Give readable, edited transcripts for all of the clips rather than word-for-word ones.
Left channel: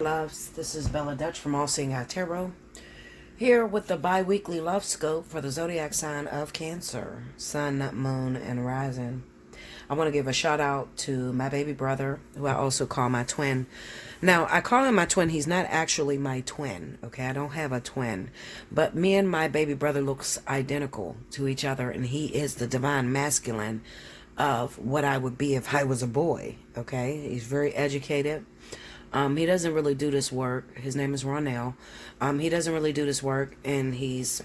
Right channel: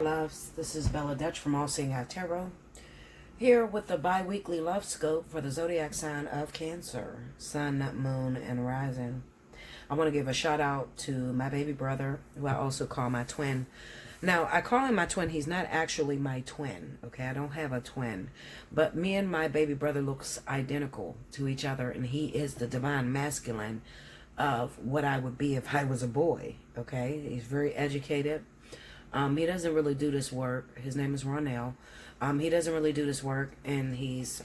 Loves, this is Bella Dutch from Allseeingeyetarot, here with the bi-weekly love scope for the zodiac sign of Cancer, Sun, Moon, and Rising. I want to give a shout out to my baby brother, who I also call my twin. Now, I call him my twin. He's not actually my twin, okay? I don't have a twin. But me and my baby brother looks identical to each other, and he is the divine masculine of what I would be if I was a boy, okay? He's very educated. He doesn't really do this work. His name is Ronell. He doesn't really do this work, and he's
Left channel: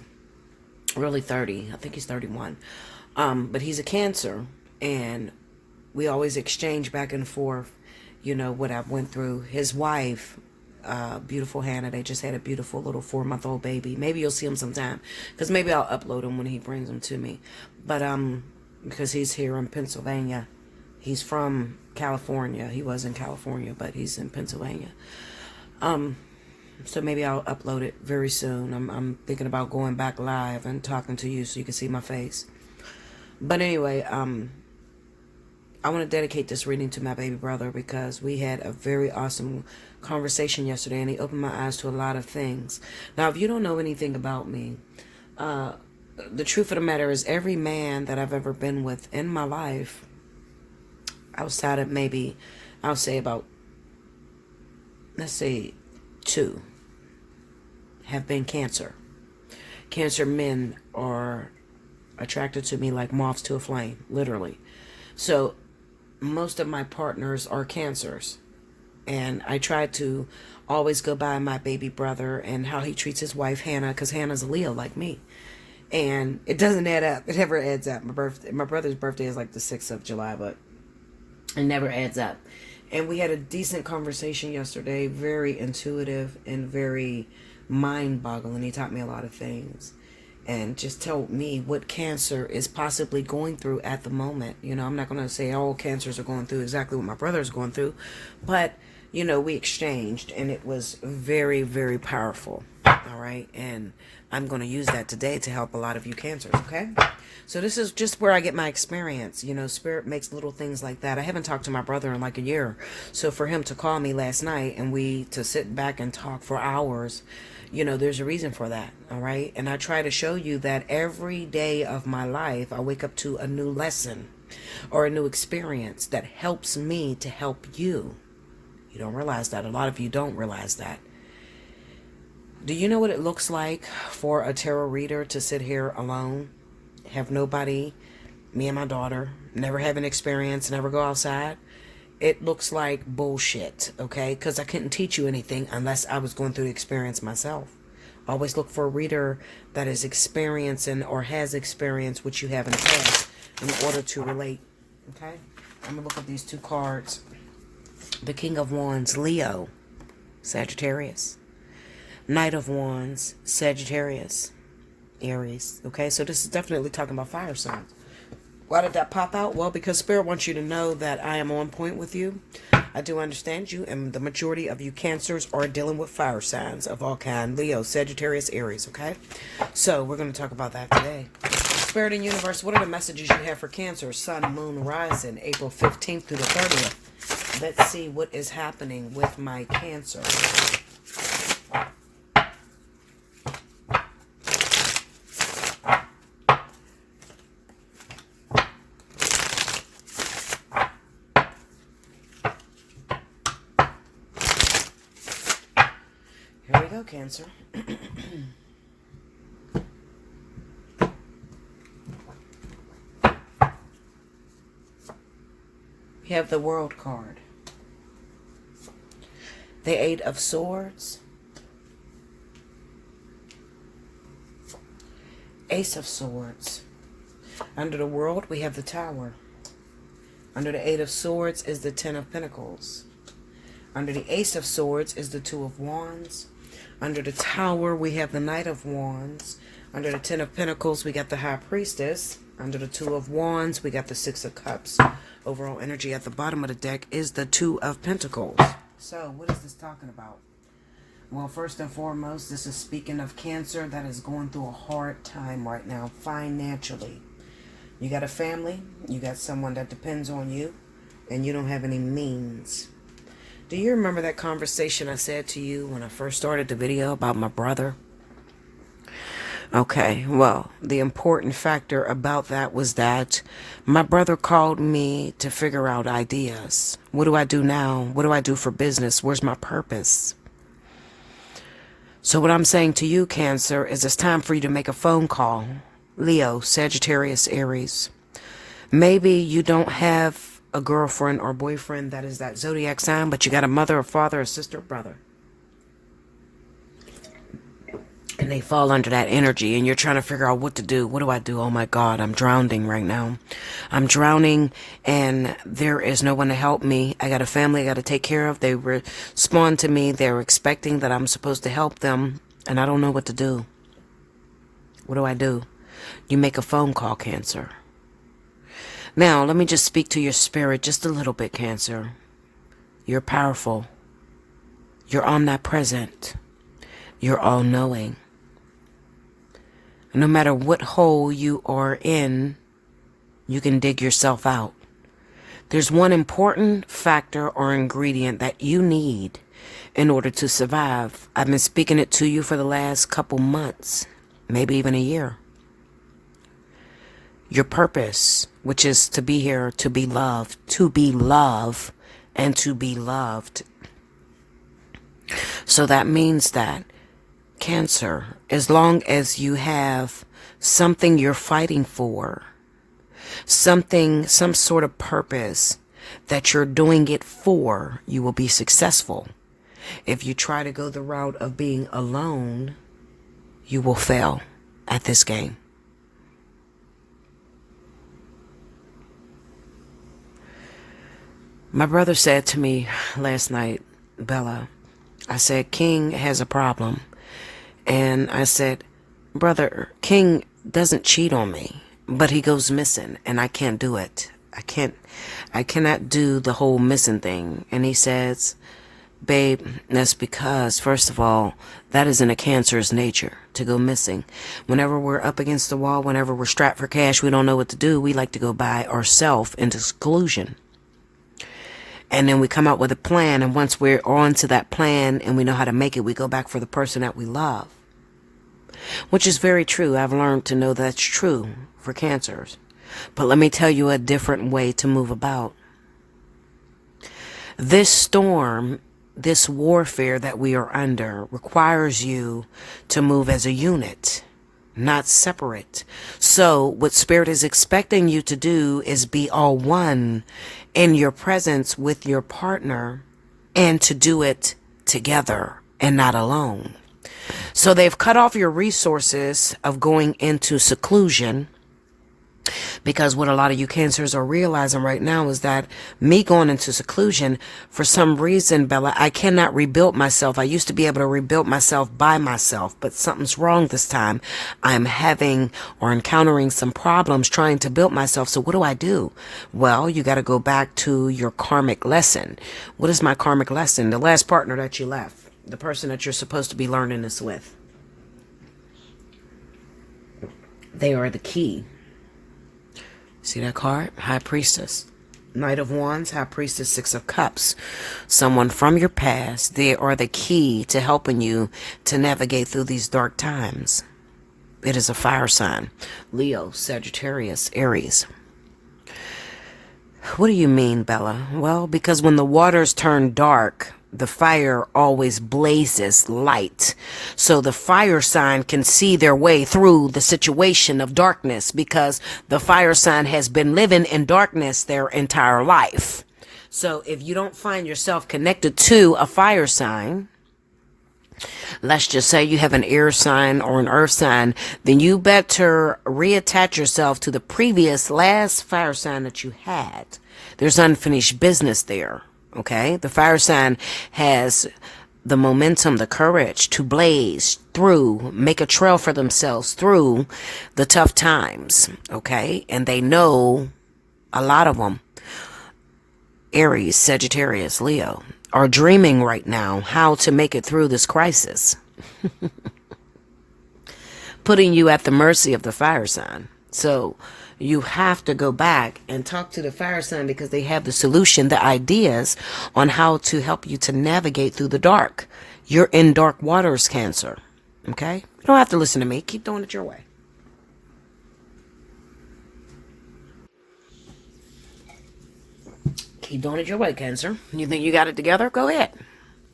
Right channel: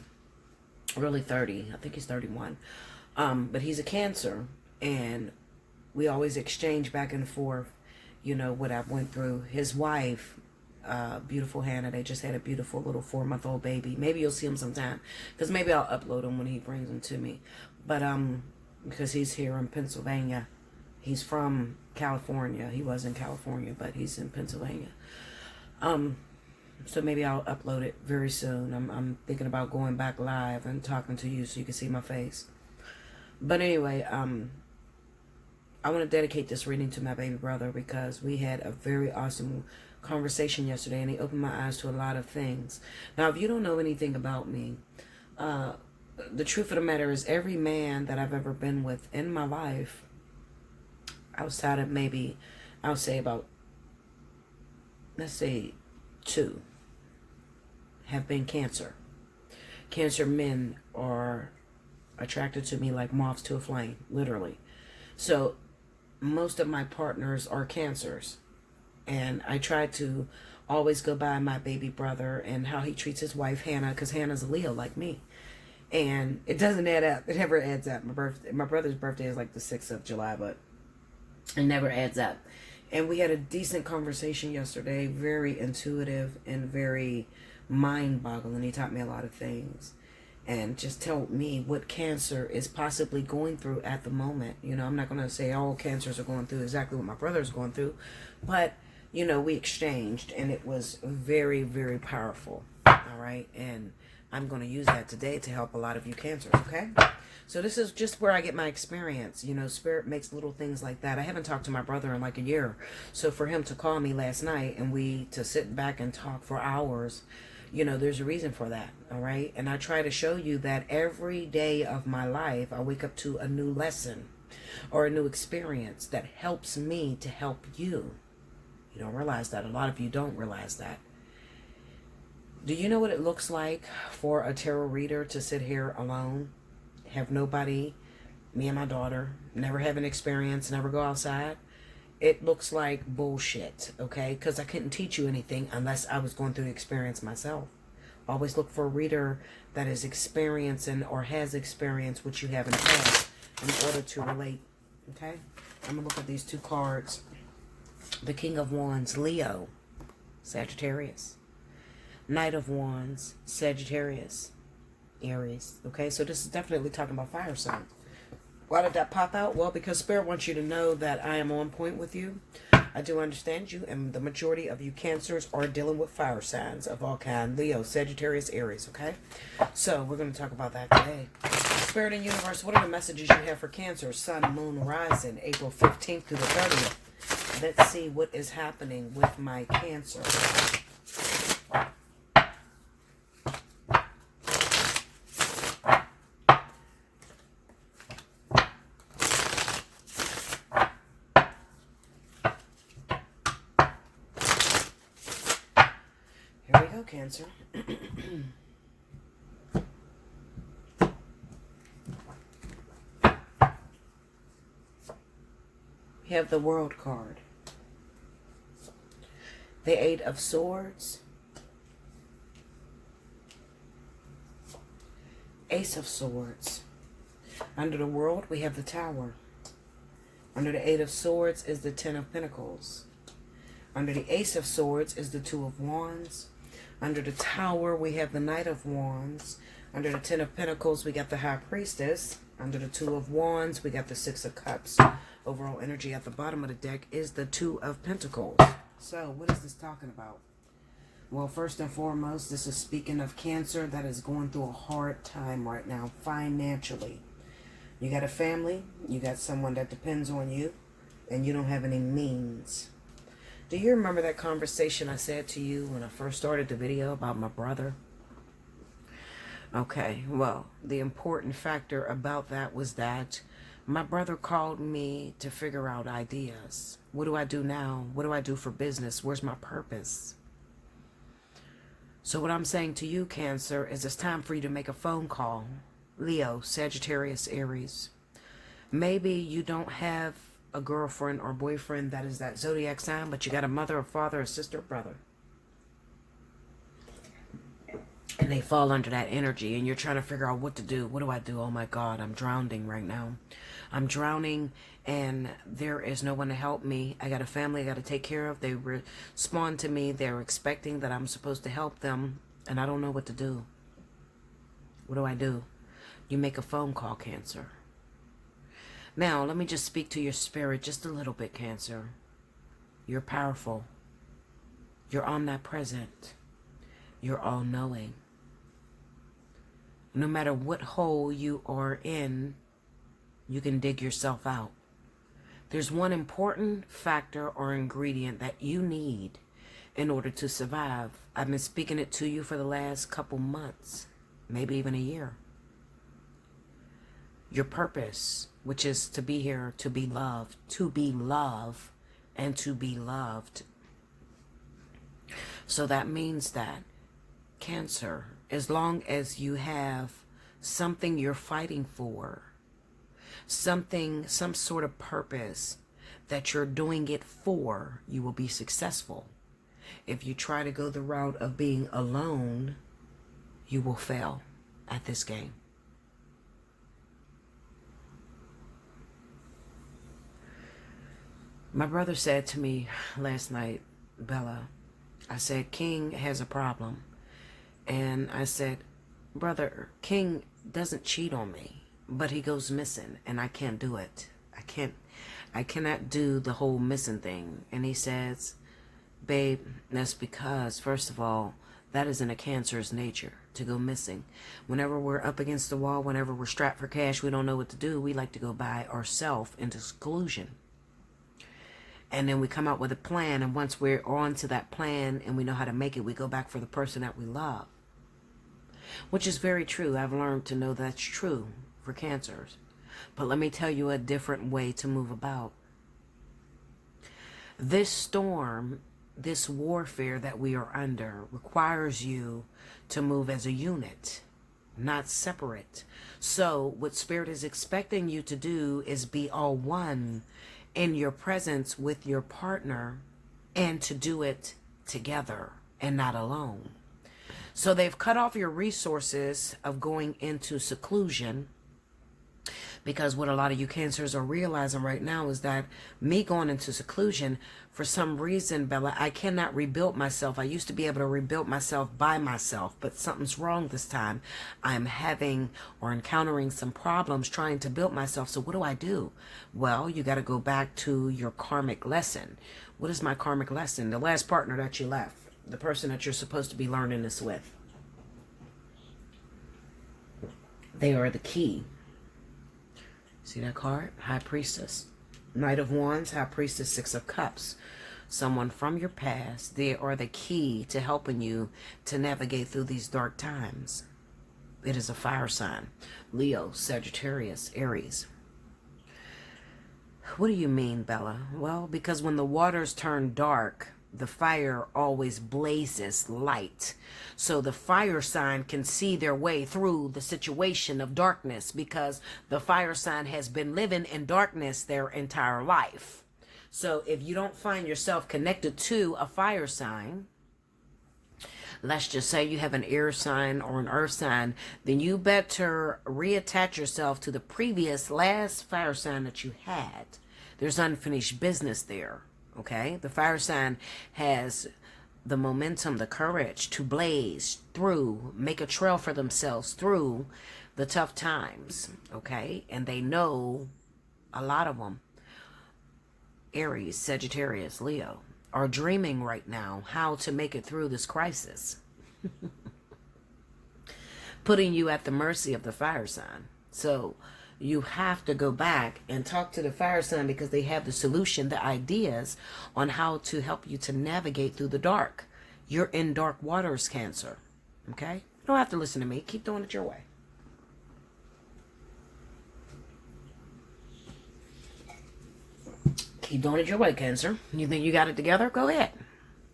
really 30. I think he's 31. But he's a Cancer, and we always exchange back and forth, you know, what I've went through. His wife, beautiful Hannah, they just had a beautiful little 4-month-old baby. Maybe you'll see him sometime, because maybe I'll upload him when he brings him to me. But because he's here in Pennsylvania. He's from California. He was in California, but he's in Pennsylvania. So maybe I'll upload it very soon. I'm thinking about going back live and talking to you so you can see my face. But anyway, I want to dedicate this reading to my baby brother because we had a very awesome conversation yesterday, and he opened my eyes to a lot of things. Now, if you don't know anything about me, the truth of the matter is every man that I've ever been with in my life, outside of maybe, I'll say about, let's say 2, have been Cancer. Cancer men are attracted to me like moths to a flame, literally. So most of my partners are Cancers. And I try to always go by my baby brother and how he treats his wife, Hannah, because Hannah's a Leo like me. And it doesn't add up. It never adds up. My brother's birthday is like the 6th of July, but it never adds up. And we had a decent conversation yesterday, very intuitive and very mind-boggling. He taught me a lot of things and just told me what Cancer is possibly going through at the moment. You know, I'm not going to say all Cancers are going through exactly what my brother's going through, but, you know, we exchanged, and it was very, very powerful. All right, and I'm going to use that today to help a lot of you Cancers, okay? So this is just where I get my experience. You know, Spirit makes little things like that. I haven't talked to my brother in like a year. So for him to call me last night and we to sit back and talk for hours, you know, there's a reason for that, all right? And I try to show you that every day of my life, I wake up to a new lesson or a new experience that helps me to help you. You don't realize that. A lot of you don't realize that. Do you know what it looks like for a tarot reader to sit here alone? Have nobody, me and my daughter, never have an experience, never go outside? It looks like bullshit, okay? Because I couldn't teach you anything unless I was going through the experience myself. Always look for a reader that is experiencing or has experienced what you have in the past in order to relate, okay? I'm going to look at these 2 cards. The King of Wands, Leo, Sagittarius. Knight of Wands, Sagittarius, Aries. Okay, so this is definitely talking about fire signs. Why did that pop out? Well, because Spirit wants you to know that I am on point with you. I do understand you, and the majority of you Cancers are dealing with fire signs of all kind. Leo, Sagittarius, Aries, okay? So we're going to talk about that today. Spirit and Universe, what are the messages you have for Cancer, Sun, Moon, Rising, April 15th through the 30th? Let's see what is happening with my Cancer. Here we go, Cancer. We have the World card. The 8 of Swords. Ace of Swords. Under the World, we have the Tower. Under the 8 of Swords is the 10 of Pentacles. Under the Ace of Swords is the 2 of Wands. Under the Tower, we have the Knight of Wands. Under the 10 of Pentacles, we got the High Priestess. Under the 2 of Wands, we got the 6 of Cups. Overall energy at the bottom of the deck is the 2 of Pentacles. So, what is this talking about? Well, first and foremost, this is speaking of Cancer that is going through a hard time right now financially. You got a family, you got someone that depends on you, and you don't have any means. Do you remember that conversation I said to you when I first started the video about my brother? Okay, well, the important factor about that was that my brother called me to figure out ideas. What do I do now? What do I do for business? Where's my purpose? So what I'm saying to you, Cancer, is it's time for you to make a phone call. Leo, Sagittarius, Aries. Maybe you don't have a girlfriend or boyfriend that is that zodiac sign, but you got a mother, a father, a sister, a brother. And they fall under that energy, and you're trying to figure out what to do. What do I do? Oh my God, I'm drowning right now. I'm drowning, and there is no one to help me. I got a family I got to take care of. They respond to me. They're expecting that I'm supposed to help them, and I don't know what to do. What do I do? You make a phone call, Cancer. Now, let me just speak to your spirit just a little bit, Cancer. You're powerful. You're omnipresent. You're all-knowing. No matter what hole you are in, you can dig yourself out. There's one important factor or ingredient that you need in order to survive. I've been speaking it to you for the last couple months, maybe even a year. Your purpose, which is to be here, to be loved, and to be loved. So that means that Cancer, as long as you have something you're fighting for, some sort of purpose that you're doing it for, you will be successful. If you try to go the route of being alone, you will fail at this game. My brother said to me last night, Bella, I said, King has a problem. And I said, brother, King doesn't cheat on me, but he goes missing, and I can't do it. I cannot do the whole missing thing. And he says, babe, that's because, first of all, that is in a Cancer's nature, to go missing. Whenever we're up against the wall, whenever we're strapped for cash, we don't know what to do, we like to go by ourselves into seclusion. And then we come out with a plan, and once we're on to that plan and we know how to make it, we go back for the person that we love. Which is very true. I've learned to know that's true for Cancers. But let me tell you a different way to move about. This storm, this warfare that we are under, requires you to move as a unit, not separate. So what Spirit is expecting you to do is be all one in your presence with your partner, and to do it together and not alone. So they've cut off your resources of going into seclusion, because what a lot of you Cancers are realizing right now is that me going into seclusion, for some reason, Bella, I cannot rebuild myself. I used to be able to rebuild myself by myself, but something's wrong this time. I'm having or encountering some problems trying to build myself. So what do? Well, you got to go back to your karmic lesson. What is my karmic lesson? The last partner that you left, the person that you're supposed to be learning this with. They are the key. See that card? High Priestess. Knight of Wands, High Priestess, Six of Cups. Someone from your past. They are the key to helping you to navigate through these dark times. It is a fire sign. Leo, Sagittarius, Aries. What do you mean, Bella? Well, because when the waters turn dark, the fire always blazes light. So the fire sign can see their way through the situation of darkness, because the fire sign has been living in darkness their entire life. So if you don't find yourself connected to a fire sign, let's just say you have an air sign or an earth sign, then you better reattach yourself to the previous last fire sign that you had. There's unfinished business there. Okay, the fire sign has the momentum, the courage to blaze through, make a trail for themselves through the tough times. Okay, and they know, a lot of them, Aries, Sagittarius, Leo, are dreaming right now how to make it through this crisis. Putting you at the mercy of the fire sign. So You have to go back and talk to the fire sign because they have the solution, the ideas on how to help you to navigate through the dark. You're in dark waters, Cancer. Okay? You don't have to listen to me. Keep doing it your way. Keep doing it your way, Cancer. You think you got it together? Go ahead.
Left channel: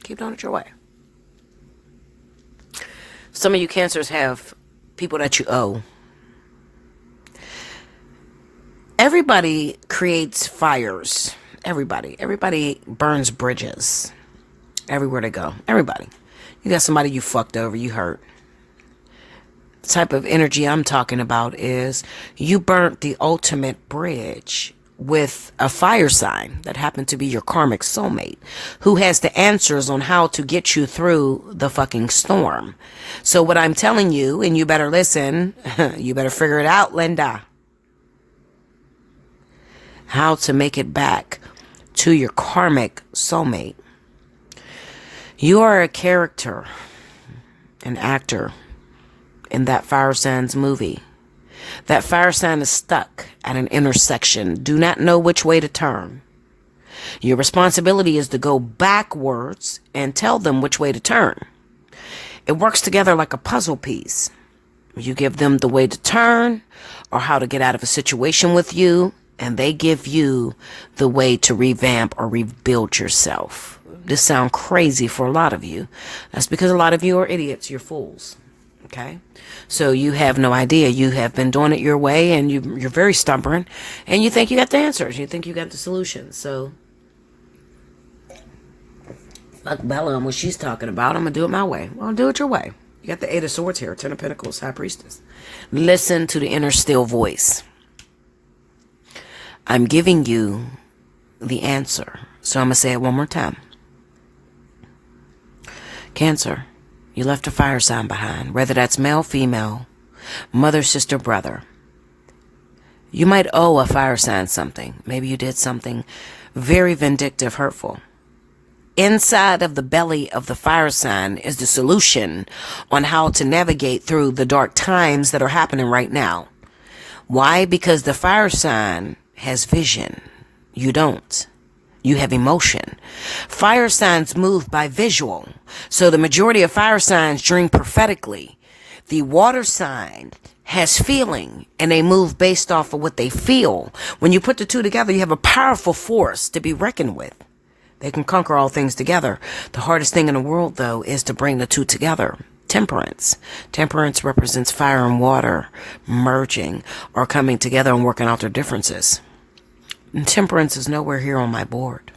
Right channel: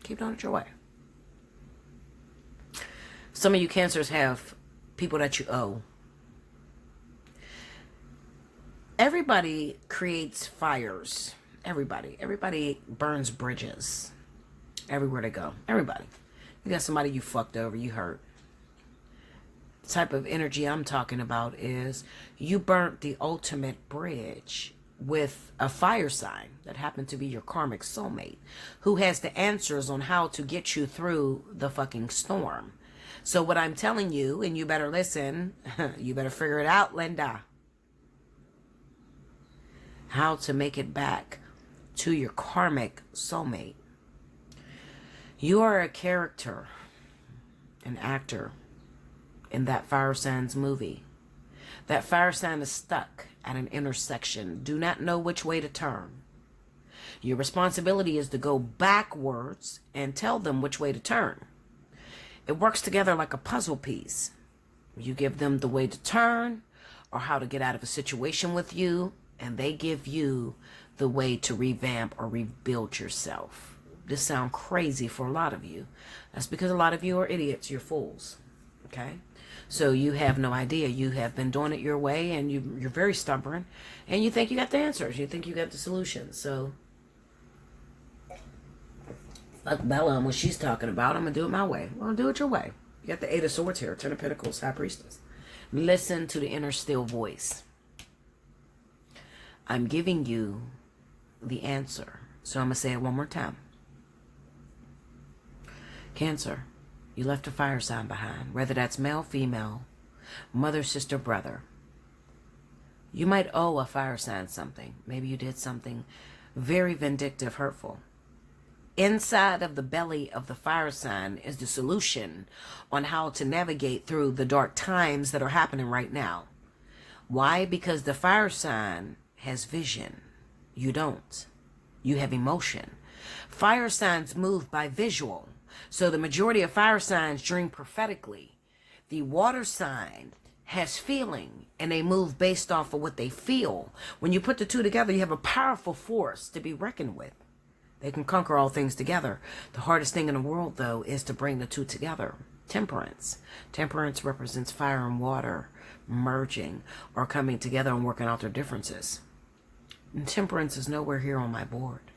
Keep doing it your way. Some of you Cancers have people that you owe. Everybody creates fires. Everybody burns bridges. Everywhere they go. Everybody. You got somebody you fucked over, you hurt. The type of energy I'm talking about is you burnt the ultimate bridge with a fire sign that happened to be your karmic soulmate who has the answers on how to get you through the fucking storm. So what I'm telling you, and you better listen, you better figure it out, Linda. How to make it back to your karmic soulmate. You are a character, an actor in that fire signs movie. That fire sign is stuck at an intersection. Do not know which way to turn. Your responsibility is to go backwards and tell them which way to turn. It works together like a puzzle piece. You give them the way to turn or how to get out of a situation with you, and they give you the way to revamp or rebuild yourself. This sounds crazy for a lot of you. That's because a lot of you are idiots. You're fools. Okay? So you have no idea. You have been doing it your way, and you're very stubborn, and you think you got the answers. You think you got the solutions. So fuck Bella and what she's talking about. I'm going to do it my way. Well, do it your way. You got the 8 of Swords here. 10 of Pentacles. High Priestess. Listen to the inner still voice. I'm giving you the answer. So I'm going to say it one more time. Cancer. You left a fire sign behind, whether that's male, female, mother, sister, brother. You might owe a fire sign something. Maybe you did something very vindictive, hurtful. Inside of the belly of the fire sign is the solution on how to navigate through the dark times that are happening right now. Why? Because the fire sign has vision. You don't. You have emotion. Fire signs move by visual. So the majority of fire signs dream prophetically. The water sign has feeling, and they move based off of what they feel. When you put the two together, you have a powerful force to be reckoned with. They can conquer all things together. The hardest thing in the world, though, is to bring the two together. Temperance. Temperance represents fire and water merging or coming together and working out their differences. And temperance is nowhere here on my board.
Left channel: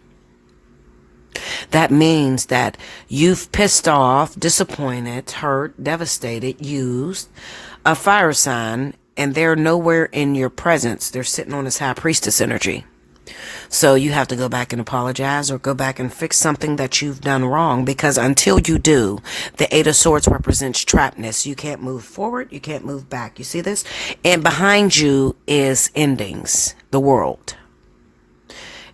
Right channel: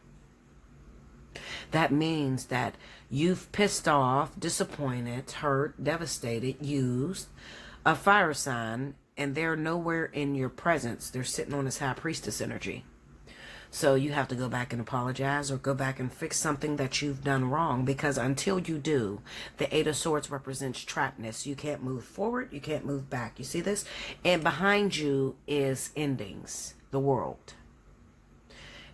That means that you've pissed off, disappointed, hurt, devastated, used a fire sign, and they're nowhere in your presence. They're sitting on this high priestess energy. So you have to go back and apologize or go back and fix something that you've done wrong, because until you do, the 8 of Swords represents trappedness. You can't move forward. You can't move back. You see this? And behind you is endings, the world.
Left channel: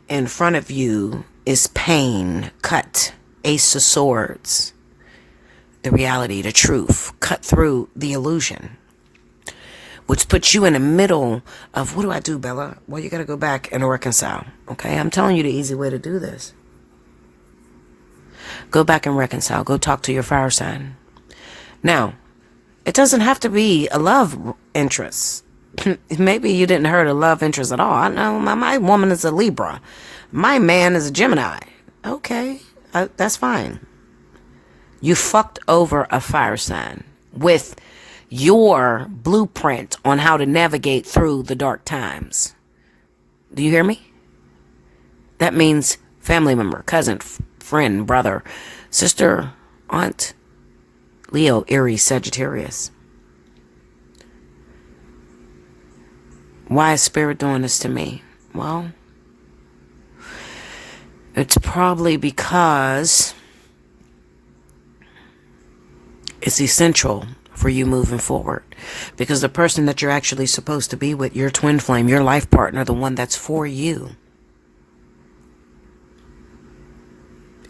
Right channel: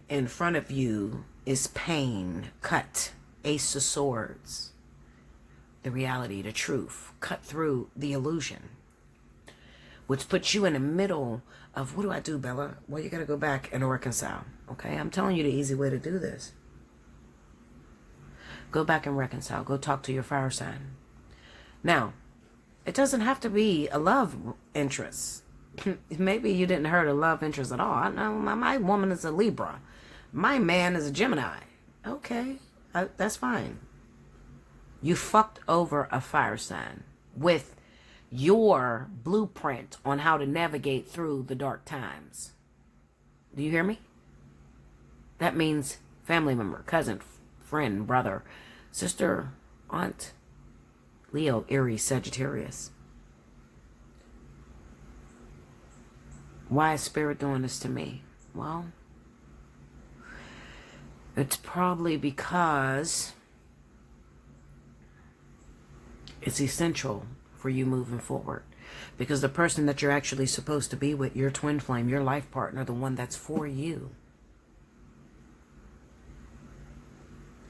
In front of you is pain, cut, Ace of Swords, the reality, the truth, cut through the illusion, which puts you in the middle of, what do I do, Bella? Well, you got to go back and reconcile, okay? I'm telling you the easy way to do this. Go back and reconcile. Go talk to your fire sign. Now, it doesn't have to be a love interest. Maybe you didn't hurt a love interest at all. I know my woman is a Libra. My man is a Gemini. Okay, that's fine. You fucked over a fire sign with your blueprint on how to navigate through the dark times. Do you hear me? That means family member, cousin, friend, brother, sister, aunt, Leo, Aries, Sagittarius. Why is Spirit doing this to me? Well, it's probably because it's essential for you moving forward. Because the person that you're actually supposed to be with, your twin flame, your life partner, the one that's for you,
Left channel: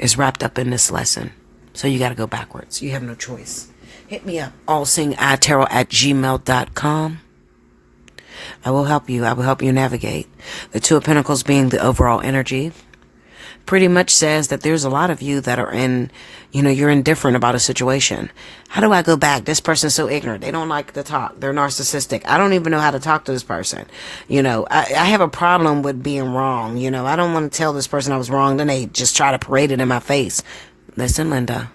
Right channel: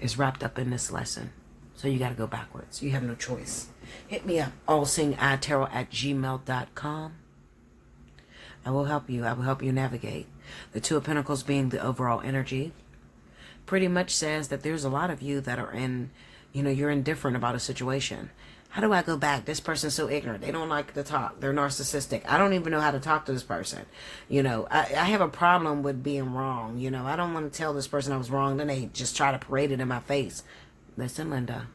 is wrapped up in this lesson. So you got to go backwards. You have no choice. Hit me up, allseeingeyetarot@gmail.com. I will help you. I will help you navigate. The Two of Pentacles being the overall energy pretty much says that there's a lot of you that are in, you're indifferent about a situation. How do I go back? This person's so ignorant. They don't like to talk. They're narcissistic. I don't even know how to talk to this person. I have a problem with being wrong. I don't want to tell this person I was wrong. Then they just try to parade it in my face. Listen, Linda,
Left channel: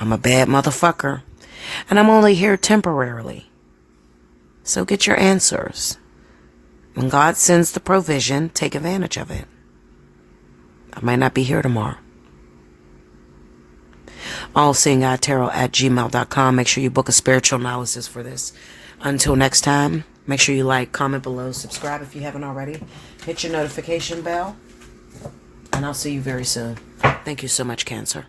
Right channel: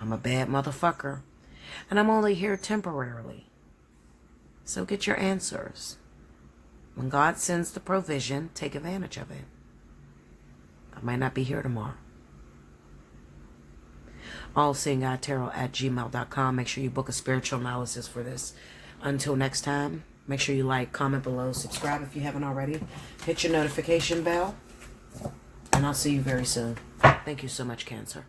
I'm a bad motherfucker. And I'm only here temporarily. So get your answers. When God sends the provision, take advantage of it. I might not be here tomorrow. Allseeingeyetarot@gmail.com. Make sure you book a spiritual analysis for this. Until next time, make sure you like, comment below, subscribe if you haven't already. Hit your notification bell. And I'll see you very soon. Thank you so much, Cancer.